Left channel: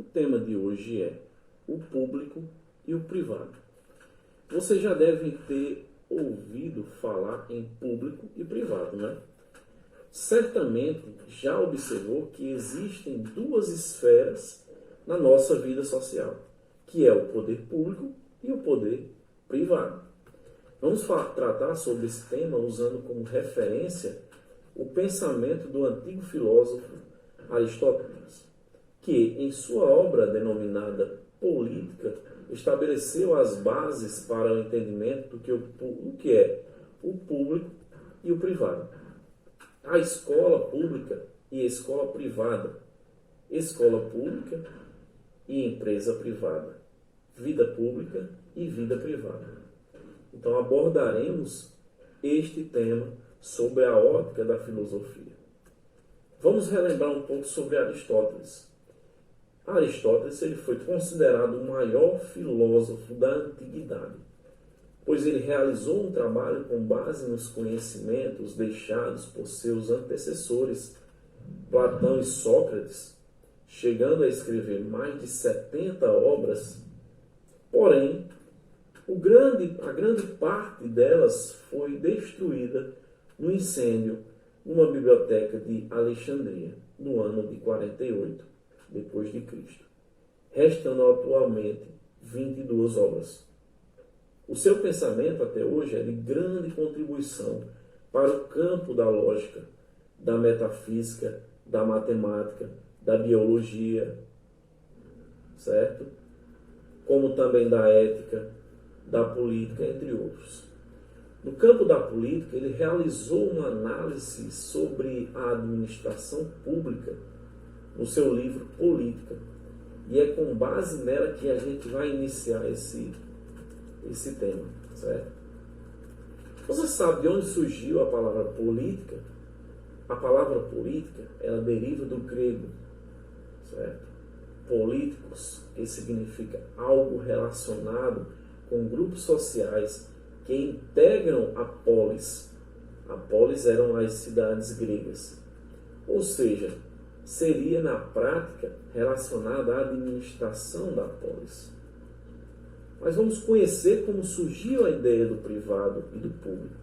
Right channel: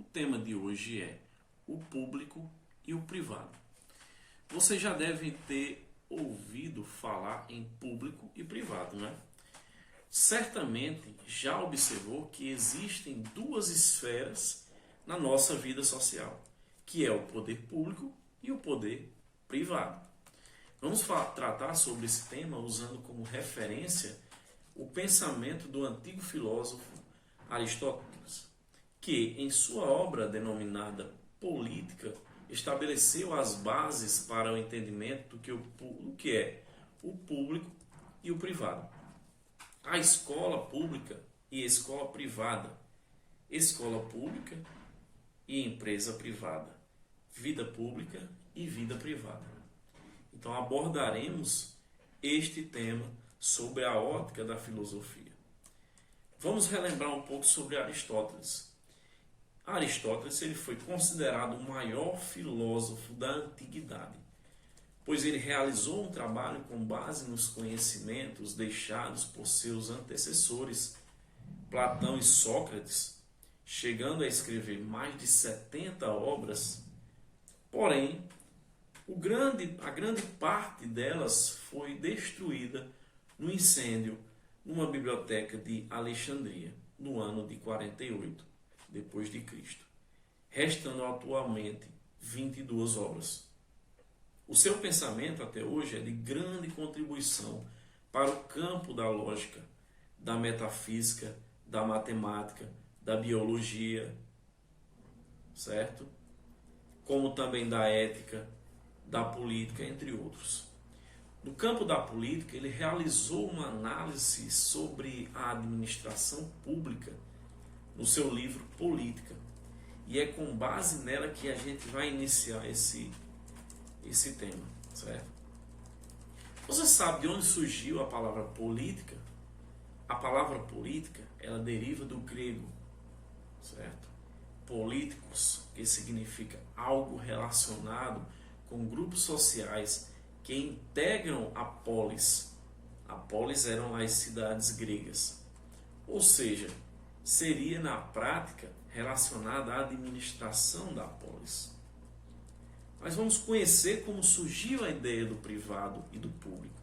O tema de hoje é o público e o privado. Você já deve ter ouvido falar em público e privado, né? Certamente já observou que existem duas esferas na nossa vida social, que é o poder público e o poder privado. Vamos tratar sobre esse tema usando como referência o pensamento do antigo filósofo Aristóteles, que em sua obra denominada Política estabeleceu as bases para o entendimento do que é o público e o privado. A escola pública e escola privada, escola pública e empresa privada, vida pública e vida privada. Então abordaremos este tema sobre a ótica da filosofia. Vamos relembrar um pouco sobre Aristóteles. Aristóteles ele foi considerado o maior filósofo da antiguidade, pois ele realizou um trabalho com base nos conhecimentos deixados por seus antecessores, Platão e Sócrates, chegando a escrever mais de 70 obras. Porém, a grande parte delas foi destruída no incêndio numa biblioteca de Alexandria, no ano de 48 depois de Cristo, restando atualmente 22 obras. O seu pensamento até hoje é de grande contribuição para o campo da lógica, da metafísica, da matemática, da biologia, certo? Como também da ética, da política, entre outros. No campo da política, ele realizou uma análise sobre a administração pública no seu livro Política. E é com base nela que a gente vai iniciar esse tema, certo? Você sabe de onde surgiu a palavra política? A palavra política, ela deriva do grego, certo? Políticos, que significa algo relacionado com grupos sociais que integram a polis. A polis eram as cidades gregas. Ou seja, seria na prática relacionada à administração da polis. Mas vamos conhecer como surgiu a ideia do privado e do público.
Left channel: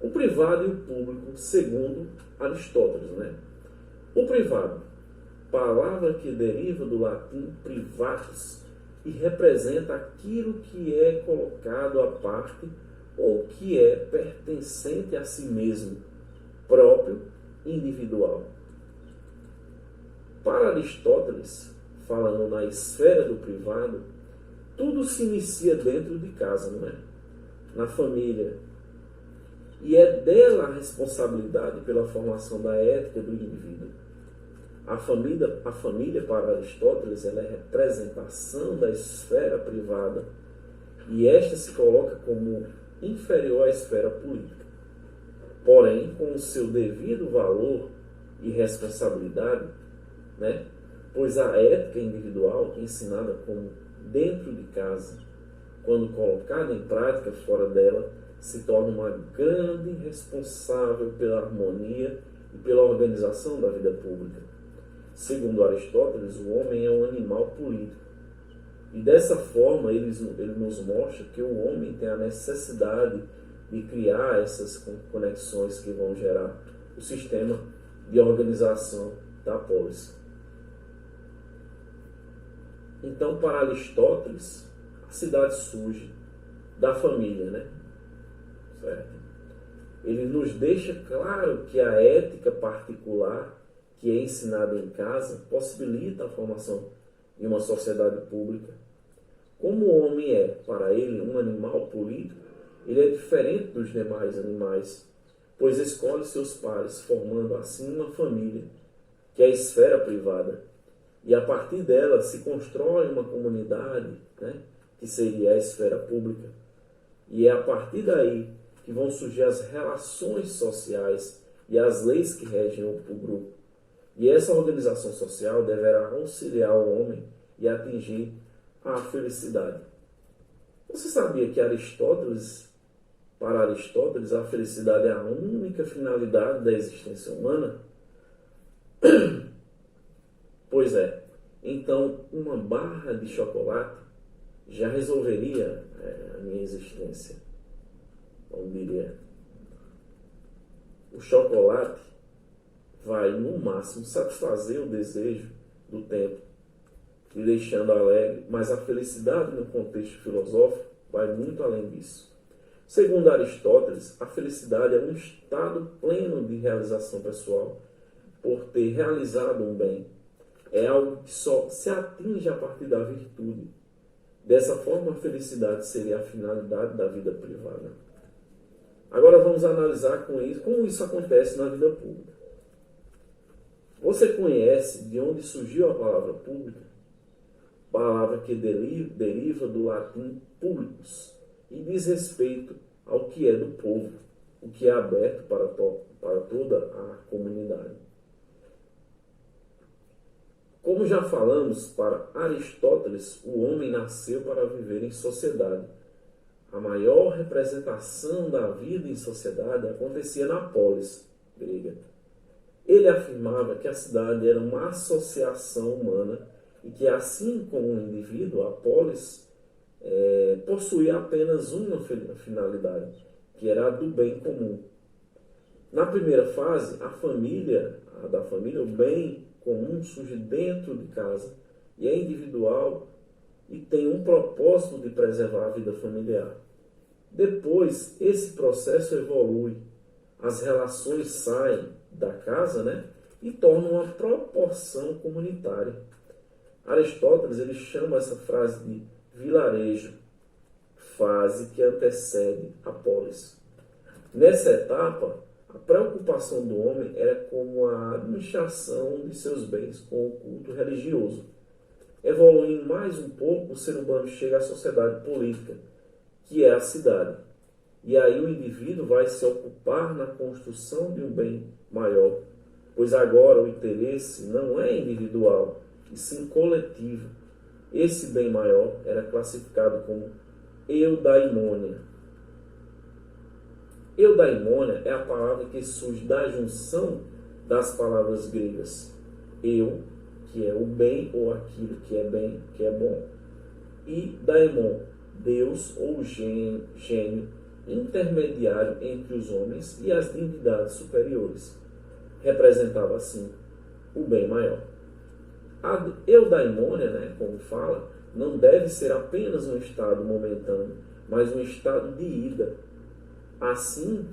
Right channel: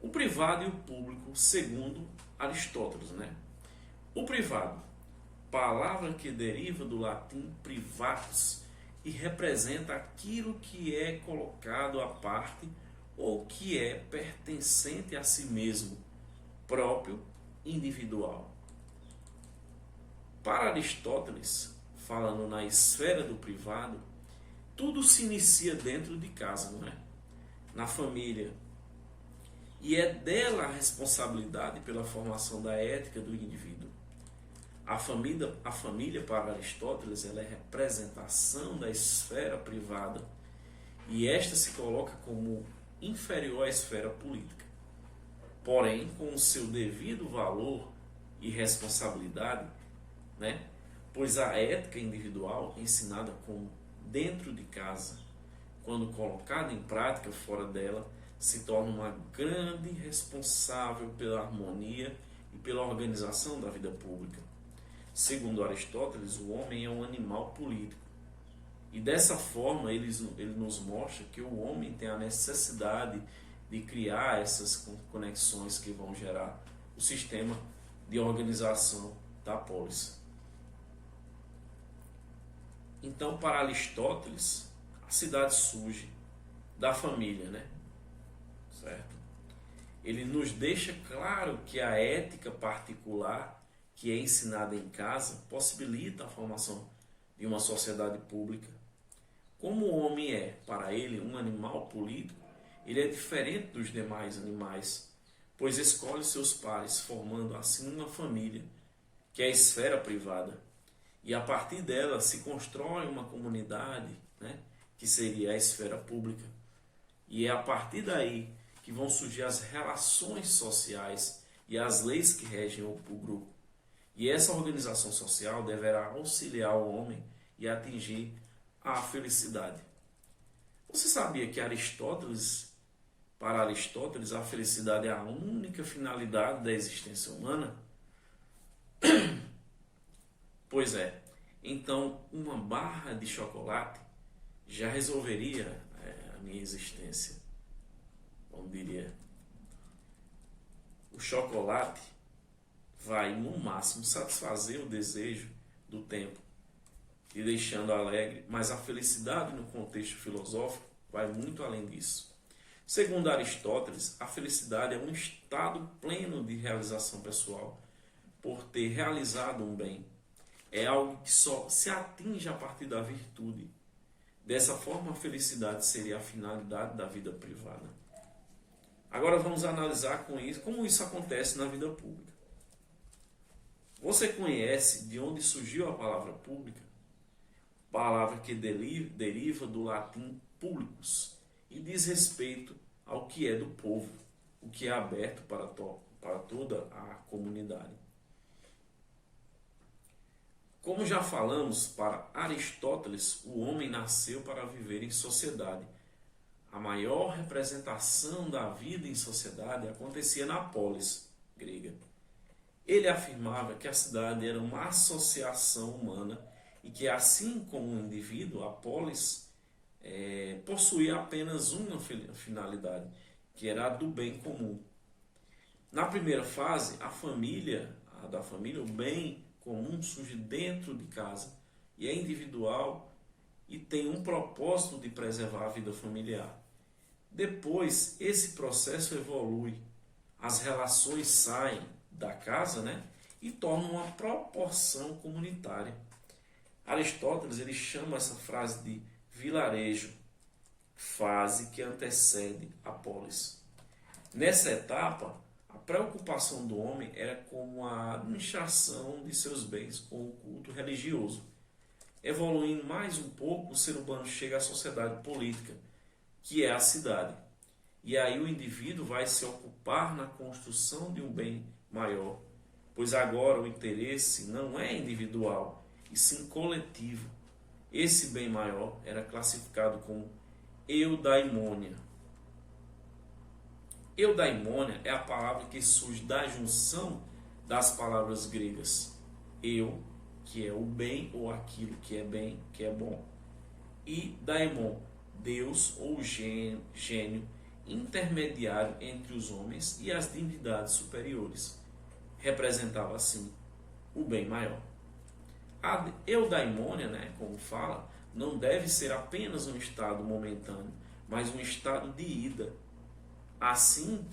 O privado e o público, segundo Aristóteles, né? O privado, palavra que deriva do latim privatus e representa aquilo que é colocado à parte ou que é pertencente a si mesmo, próprio, individual. Para Aristóteles, falando na esfera do privado, tudo se inicia dentro de casa, não é? Na família. E é dela a responsabilidade pela formação da ética do indivíduo. A família para Aristóteles, ela é representação da esfera privada e esta se coloca como inferior à esfera política. Porém, com o seu devido valor e responsabilidade, né? Pois a ética individual, ensinada como dentro de casa, quando colocada em prática fora dela, se torna uma grande responsável pela harmonia e pela organização da vida pública. Segundo Aristóteles, o homem é um animal político. E dessa forma ele nos mostra que o homem tem a necessidade de criar essas conexões que vão gerar o sistema de organização da polis. Então, para Aristóteles, a cidade surge da família, né? Certo? Ele nos deixa claro que a ética particular que é ensinada em casa possibilita a formação de uma sociedade pública. Como o homem é, para ele, um animal político, ele é diferente dos demais animais, pois escolhe seus pares, formando assim uma família, que é a esfera privada. E a partir dela se constrói uma comunidade, né, que seria a esfera pública. E é a partir daí que vão surgir as relações sociais e as leis que regem o grupo. E essa organização social deverá auxiliar o homem e atingir a felicidade. Você sabia que para Aristóteles, a felicidade é a única finalidade da existência humana? Pois é, então uma barra de chocolate já resolveria a minha existência. Como diria, o chocolate vai no máximo satisfazer o desejo do tempo, te deixando alegre, mas a felicidade no contexto filosófico vai muito além disso. Segundo Aristóteles, a felicidade é um estado pleno de realização pessoal por ter realizado um bem. É algo que só se atinge a partir da virtude. Dessa forma, a felicidade seria a finalidade da vida privada. Agora vamos analisar como isso acontece na vida pública. Você conhece de onde surgiu a palavra pública? Palavra que deriva do latim publicus e diz respeito ao que é do povo, o que é aberto para toda a comunidade. Como já falamos, para Aristóteles, o homem nasceu para viver em sociedade. A maior representação da vida em sociedade acontecia na polis grega. Ele afirmava que a cidade era uma associação humana e que, assim como o indivíduo, a polis possuía apenas uma finalidade, que era a do bem comum. Na primeira fase, da família, o bem comum surge dentro de casa e é individual e tem um propósito de preservar a vida familiar. Depois, esse processo evolui, as relações saem da casa, e tornam uma proporção comunitária. Aristóteles ele chama essa frase de vilarejo, fase que antecede a polis. Nessa etapa, a preocupação do homem era com a administração de seus bens, com o culto religioso. Evoluindo mais um pouco, o ser humano chega à sociedade política, que é a cidade. E aí o indivíduo vai se ocupar na construção de um bem maior, pois agora o interesse não é individual, e sim coletivo. Esse bem maior era classificado como eudaimonia. Eudaimonia é a palavra que surge da junção das palavras gregas eu, que é o bem ou aquilo que é bem, que é bom, e daimon, Deus ou gênio intermediário entre os homens e as divindades superiores. Representava assim o bem maior. A eudaimonia, como fala, não deve ser apenas um estado momentâneo, mas um estado de ida. Assim,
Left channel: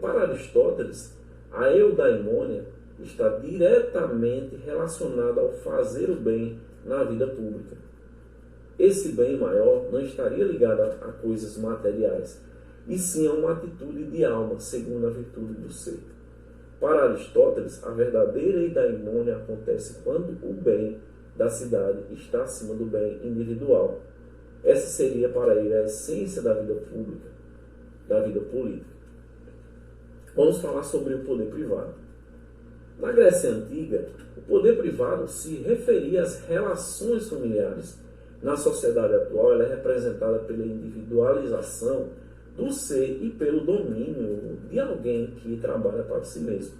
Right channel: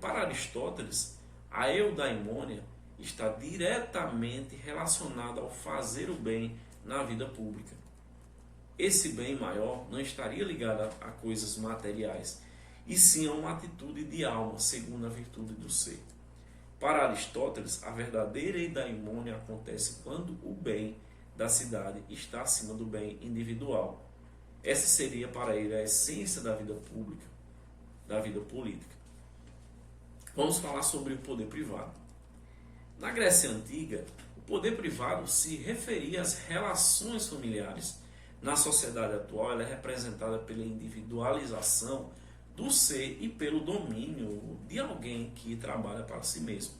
para Aristóteles, a eudaimonia está diretamente relacionada ao fazer o bem na vida pública. Esse bem maior não estaria ligado a coisas materiais, e sim a uma atitude de alma, segundo a virtude do ser. Para Aristóteles, a verdadeira eudaimonia acontece quando o bem da cidade está acima do bem individual. Essa seria para ele a essência da vida pública, da vida política. Vamos falar sobre o poder privado. Na Grécia Antiga, o poder privado se referia às relações familiares. Na sociedade atual, ela é representada pela individualização do ser e pelo domínio de alguém que trabalha para si mesmo.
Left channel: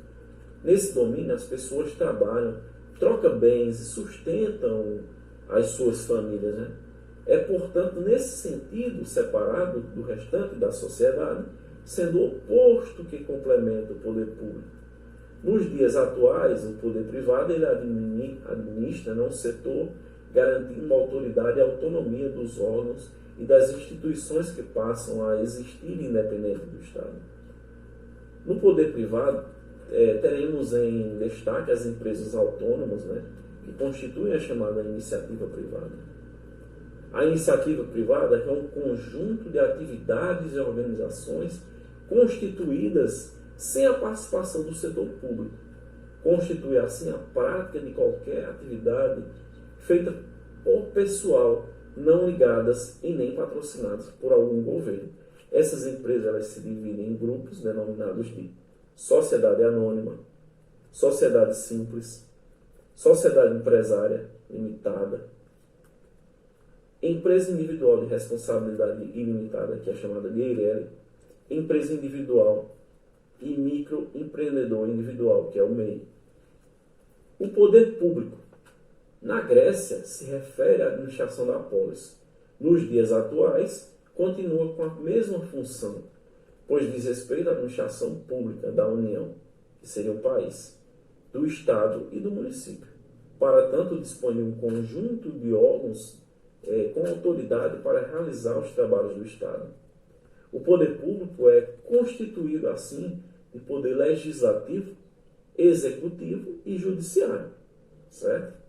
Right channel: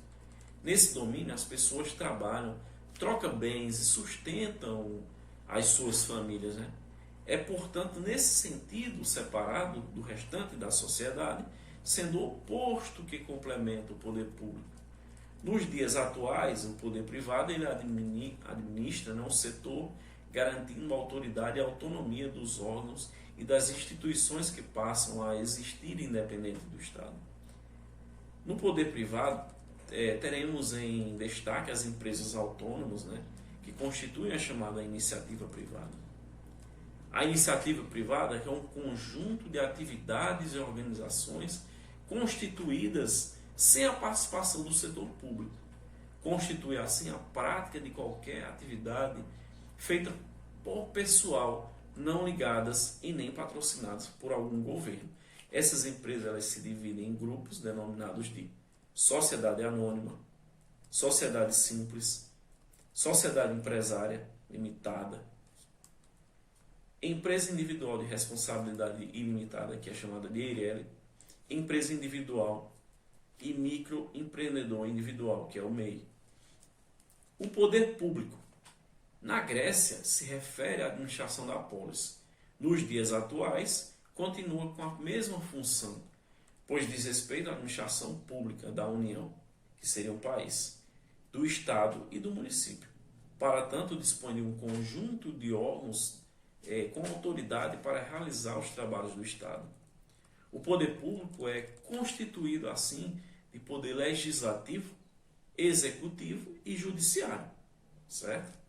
Nesse domínio, as pessoas trabalham, trocam bens e sustentam as suas famílias. É, portanto, nesse sentido, separado do restante da sociedade, sendo o oposto que complementa o poder público. Nos dias atuais, o poder privado ele administra um setor garantindo a autoridade e a autonomia dos órgãos e das instituições que passam a existir independente do Estado. No poder privado, teremos em destaque as empresas autônomas, que constituem a chamada iniciativa privada. A iniciativa privada é um conjunto de atividades e organizações constituídas sem a participação do setor público. Constitui assim a prática de qualquer atividade feita por pessoal não ligadas e nem patrocinadas por algum governo. Essas empresas elas se dividem em grupos denominados de sociedade anônima, sociedade simples, sociedade empresária limitada, empresa individual de responsabilidade ilimitada, que é chamada de EIRELI, empresa individual e microempreendedor individual, que é o MEI. O poder público Na Grécia, se refere à administração da polis. Nos dias atuais, continua com a mesma função, pois diz respeito à administração pública da União, que seria o país, do Estado e do município. Para tanto, dispõe de um conjunto de órgãos com autoridade para realizar os trabalhos do Estado. O poder público é constituído, assim, de poder legislativo, executivo e judiciário, certo?